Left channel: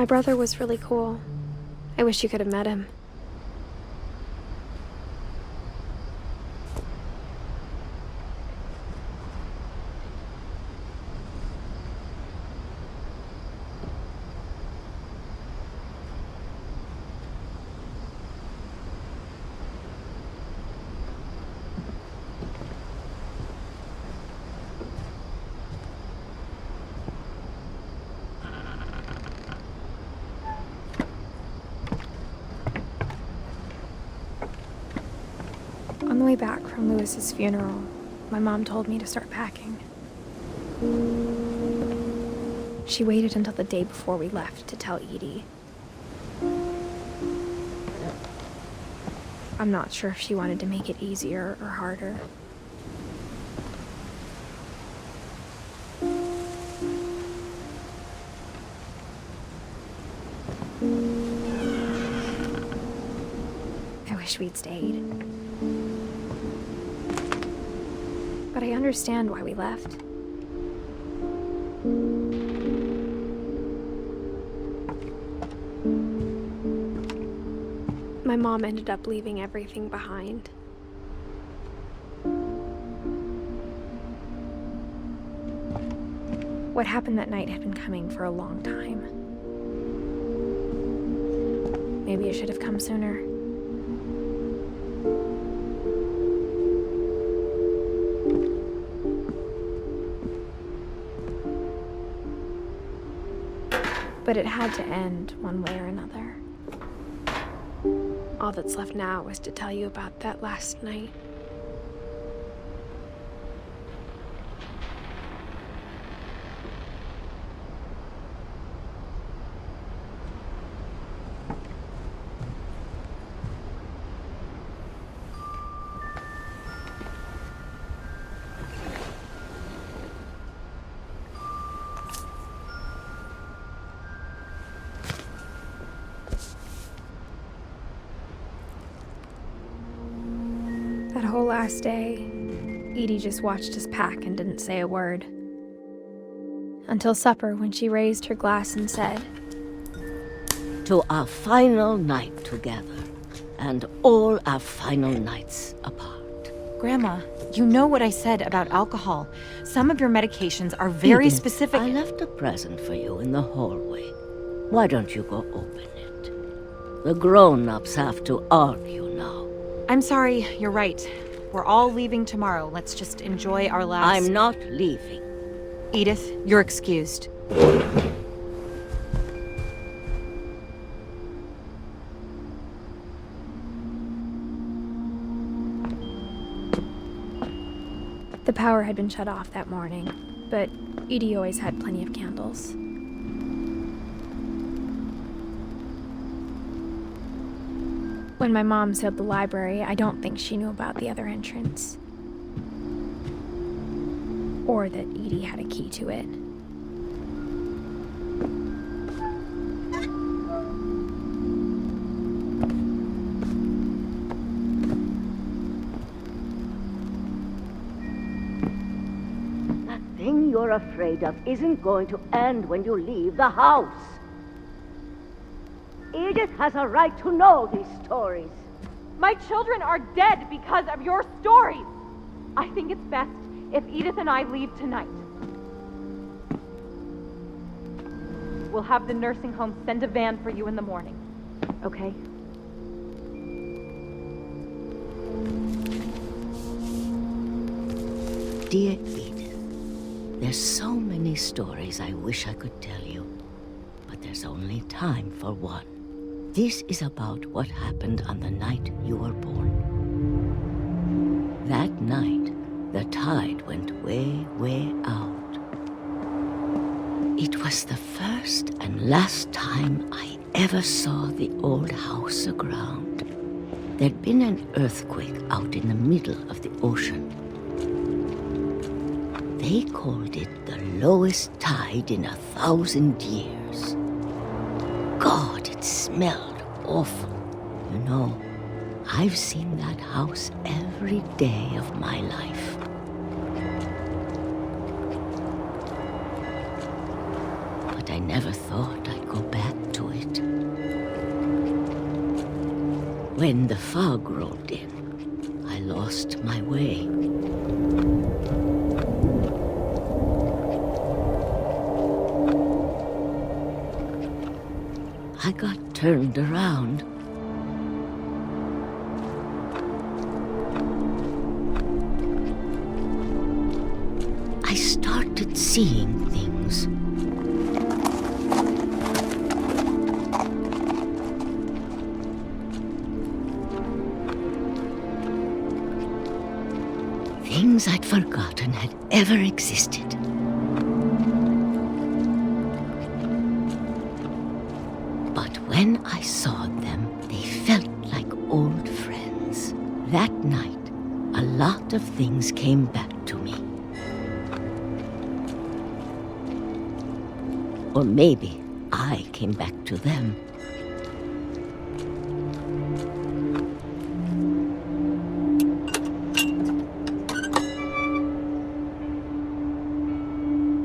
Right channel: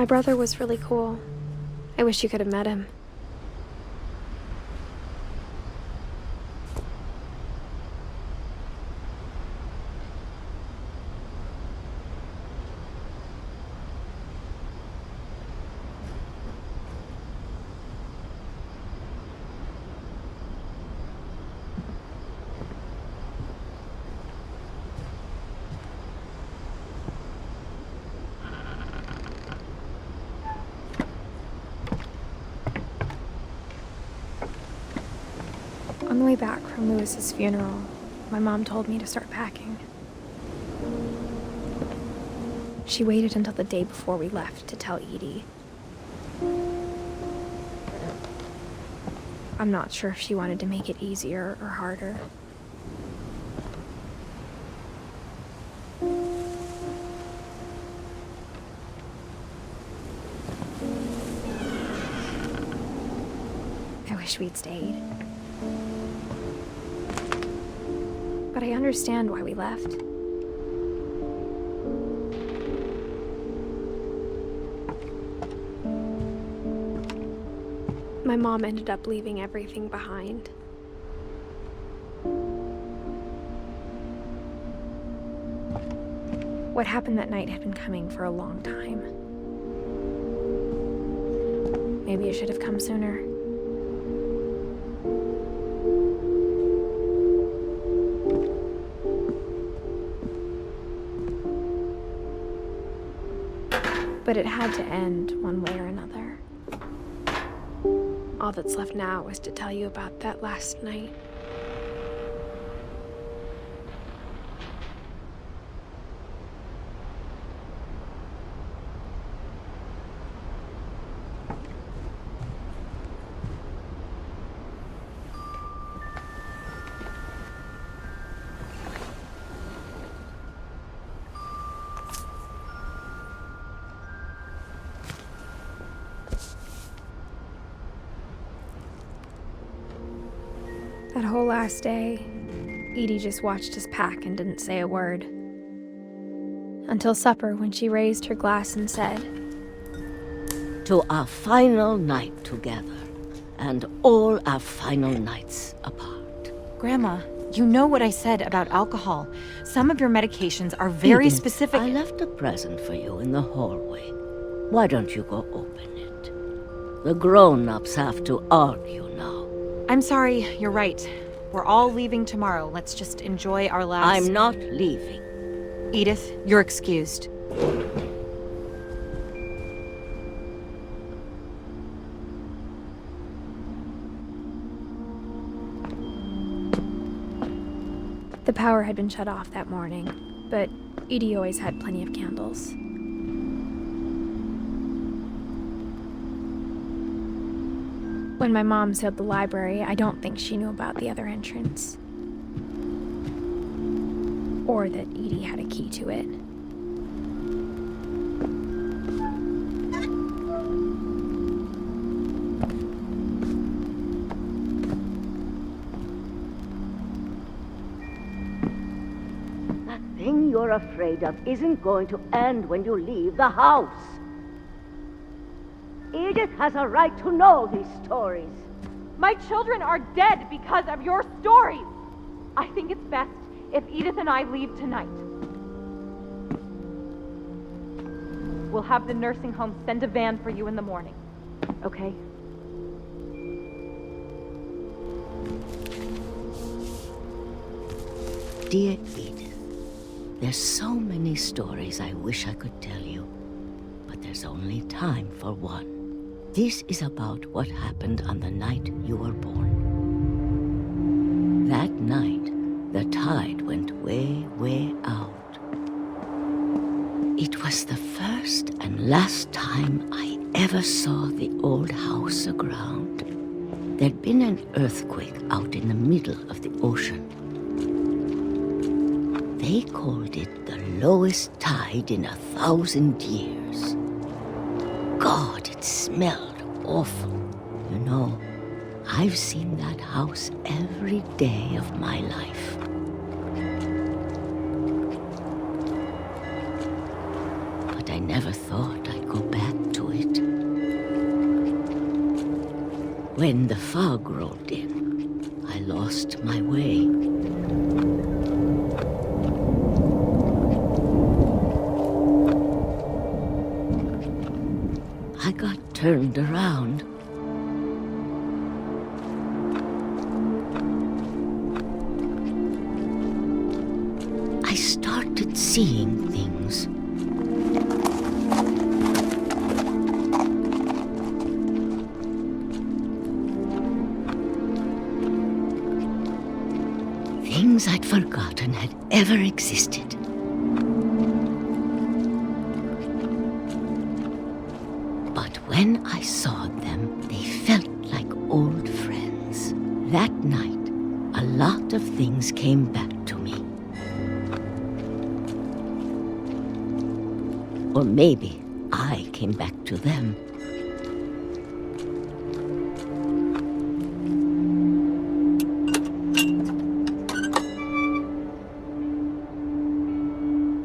My brother was really cool. I wish you could have met him. On the way back from Lewis's funeral, my mom told me to start packing. She waited until the day before we left to tell Edie. I'm not sure if she wanted to make it easier or harder. I wish we'd stayed. But I understand why we left. My mom ended up leaving everything behind. What happened that night had been coming for a long time. Maybe it should have come sooner. But it had to end one way or another. All that's left now is to tell you about that last night. That whole last day, Edie just watched us pack and didn't say a word. Until supper, when she raised her glass and said, "To our final night together, and all our final nights apart." Grandma, you know what I said about alcohol. Some of your medications are very Edith, specific. I left a present for you in the hallway. Why don't you go open it? The grown-ups have to argue now. I'm sorry, you're right. We're all leaving tomorrow. Let's just enjoy our last... I'm not leaving. Edith, you're excused. The power had been shut off that morning, but Edie always had plenty of candles. When my mom sealed the library, I don't think she knew about the other entrance. Or that Edie had a key to it. That thing you're afraid of isn't going to end when you leave the house. Edith has a right to know these stories. My children are dead because of your stories. I think it's best if Edith and I leave tonight. We'll have the nursing home send a van for you in the morning, okay? Dear Edith, there's so many stories I wish I could tell you, but there's only time for one. This is about what happened on the night you were born. That night, the tide went way, way out. It was the first and last time I ever saw the old house aground. There'd been an earthquake out in the middle of the ocean. They called it the lowest tide in 1,000 years. God, it smelled awful. You know, I've seen that house every day of my life. But I never thought I'd go back to when the fog rolled in, I lost my way. I got turned around. I started seeing things. Things I'd forgotten had ever existed. But when I saw them, they felt like old friends. That night, a lot of things came back to me. Or maybe I came back to them.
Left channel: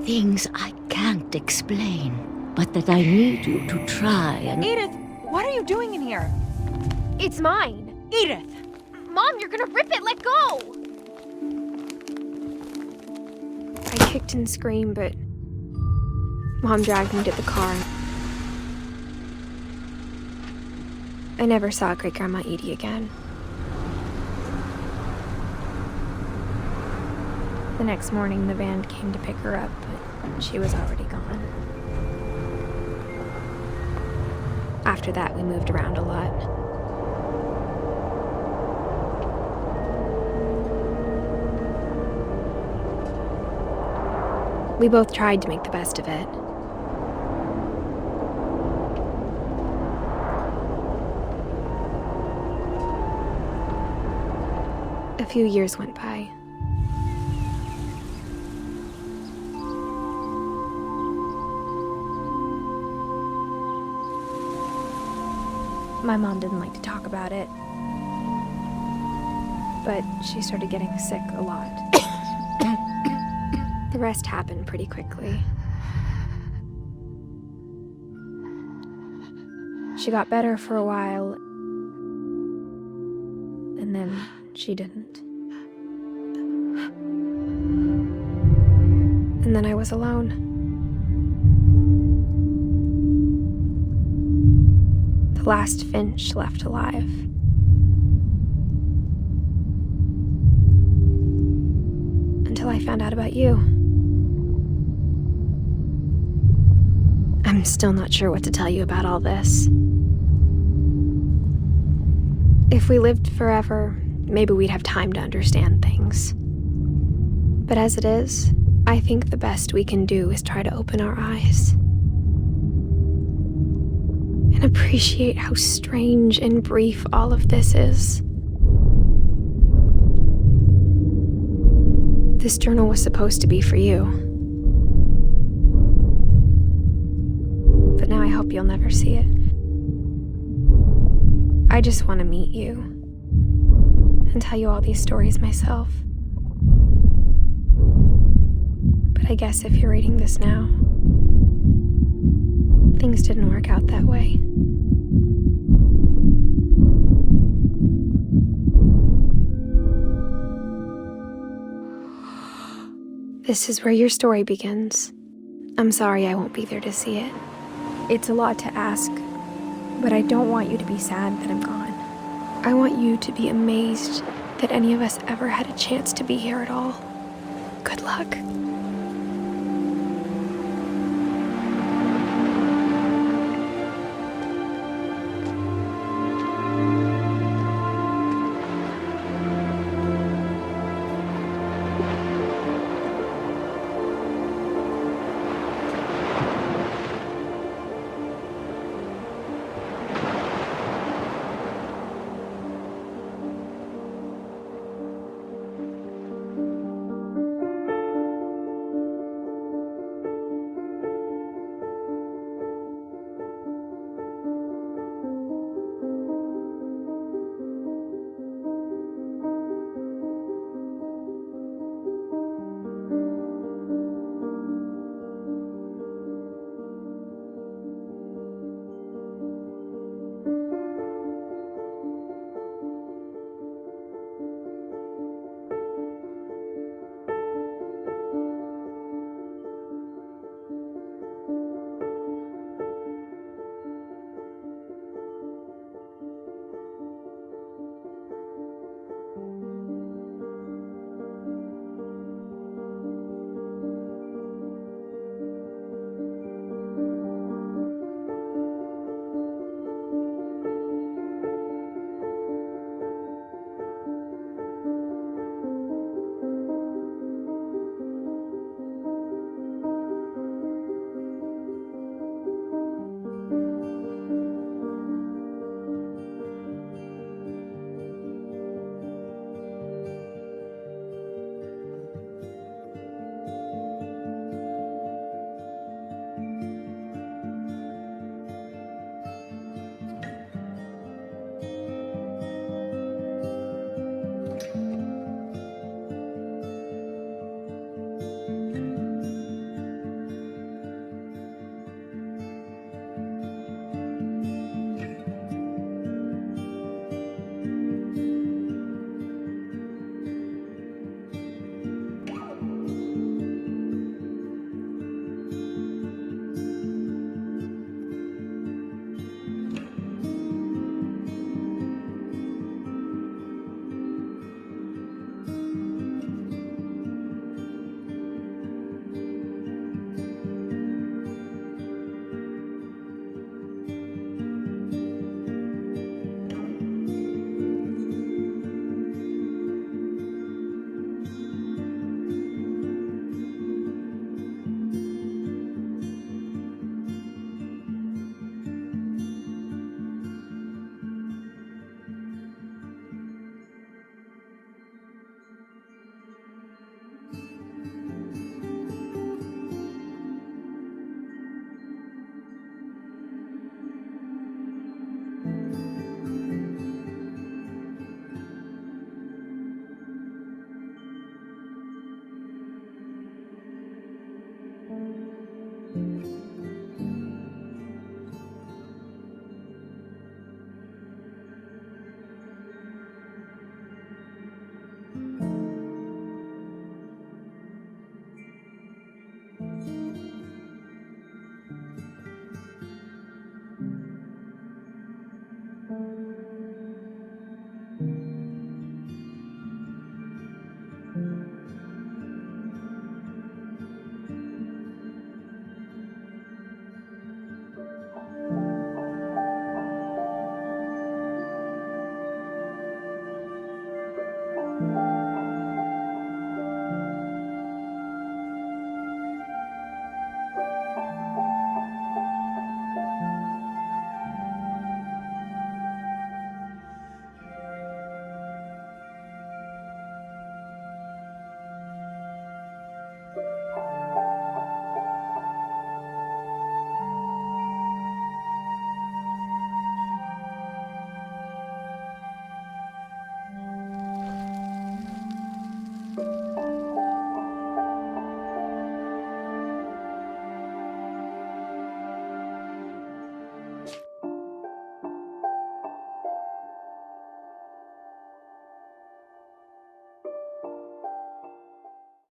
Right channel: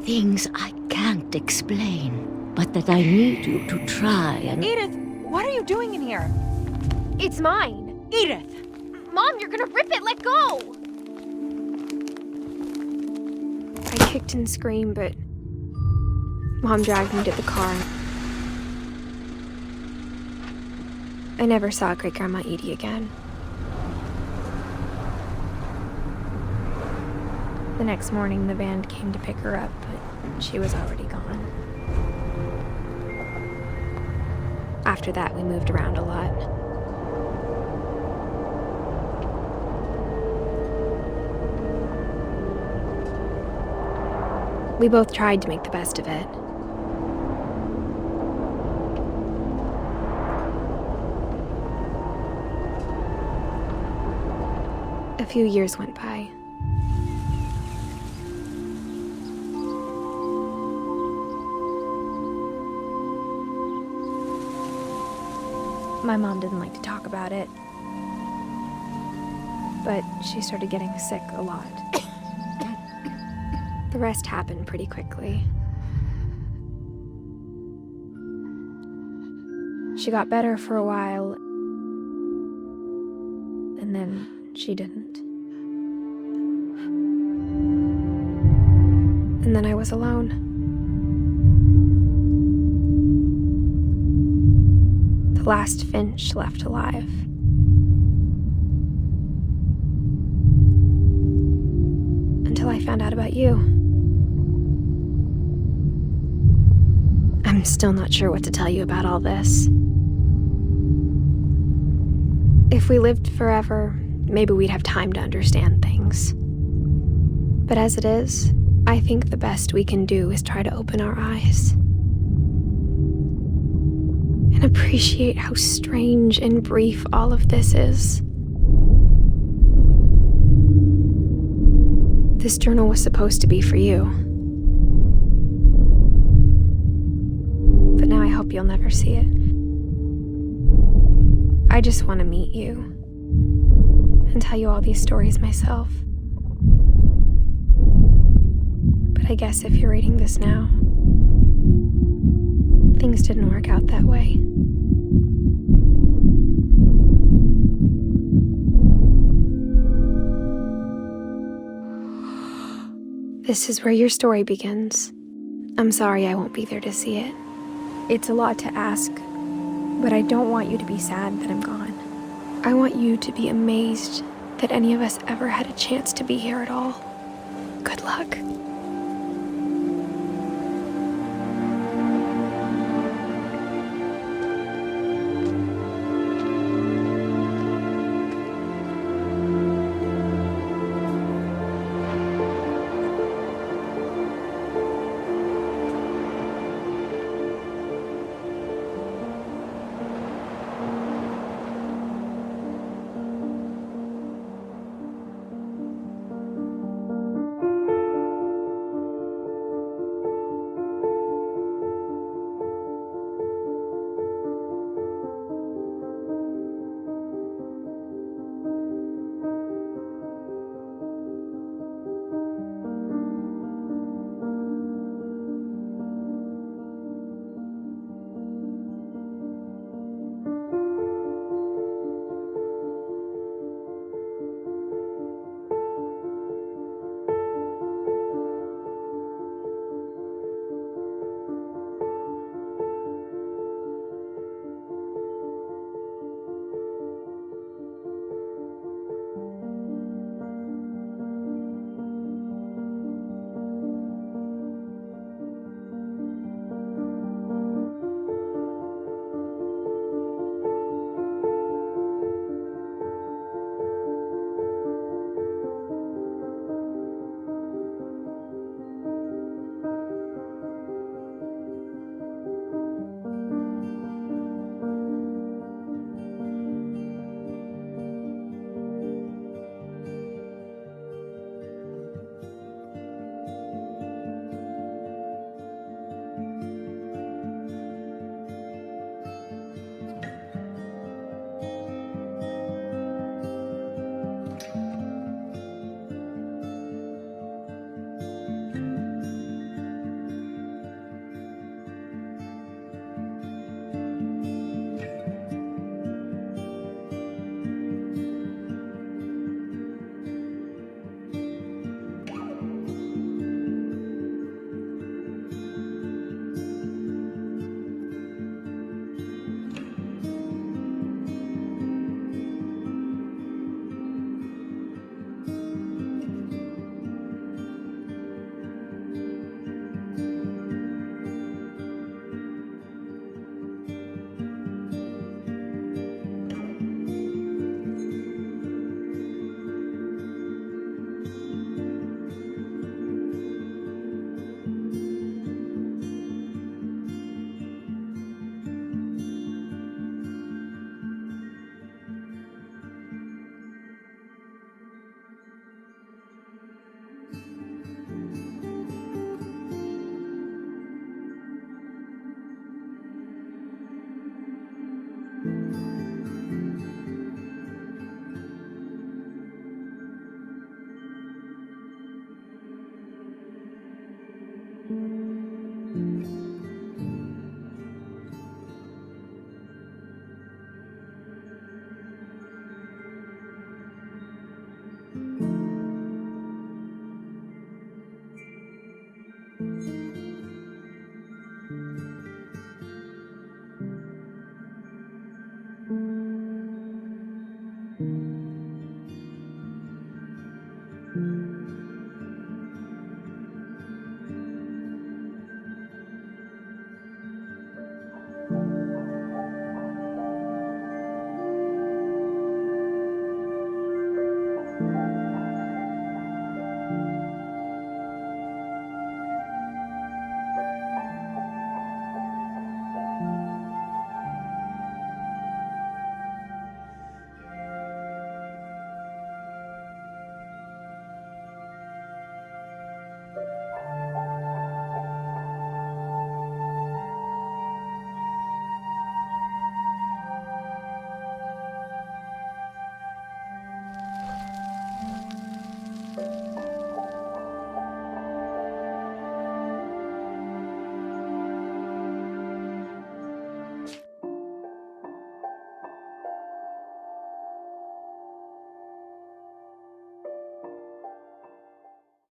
Things I can't explain, but that I need you to try and... Edith, what are you doing in here? It's mine. Edith! Mom, you're gonna rip it! Let go! I kicked and screamed, but Mom dragged me to the car. I never saw Great-Grandma Edie again. The next morning, the van came to pick her up, but she was already gone. After that, we moved around a lot. We both tried to make the best of it. A few years went by. My mom didn't like to talk about it, but she started getting sick a lot. The rest happened pretty quickly. She got better for a while, and then she didn't. And then I was alone. The last Finch left alive. Until I found out about you. I'm still not sure what to tell you about all this. If we lived forever, maybe we'd have time to understand things. But as it is, I think the best we can do is try to open our eyes. And appreciate how strange and brief all of this is. This journal was supposed to be for you. But now I hope you'll never see it. I just want to meet you and tell you all these stories myself. But I guess if you're reading this now, things didn't work out that way. This is where your story begins. I'm sorry I won't be there to see it. It's a lot to ask, but I don't want you to be sad that I'm gone. I want you to be amazed that any of us ever had a chance to be here at all. Good luck.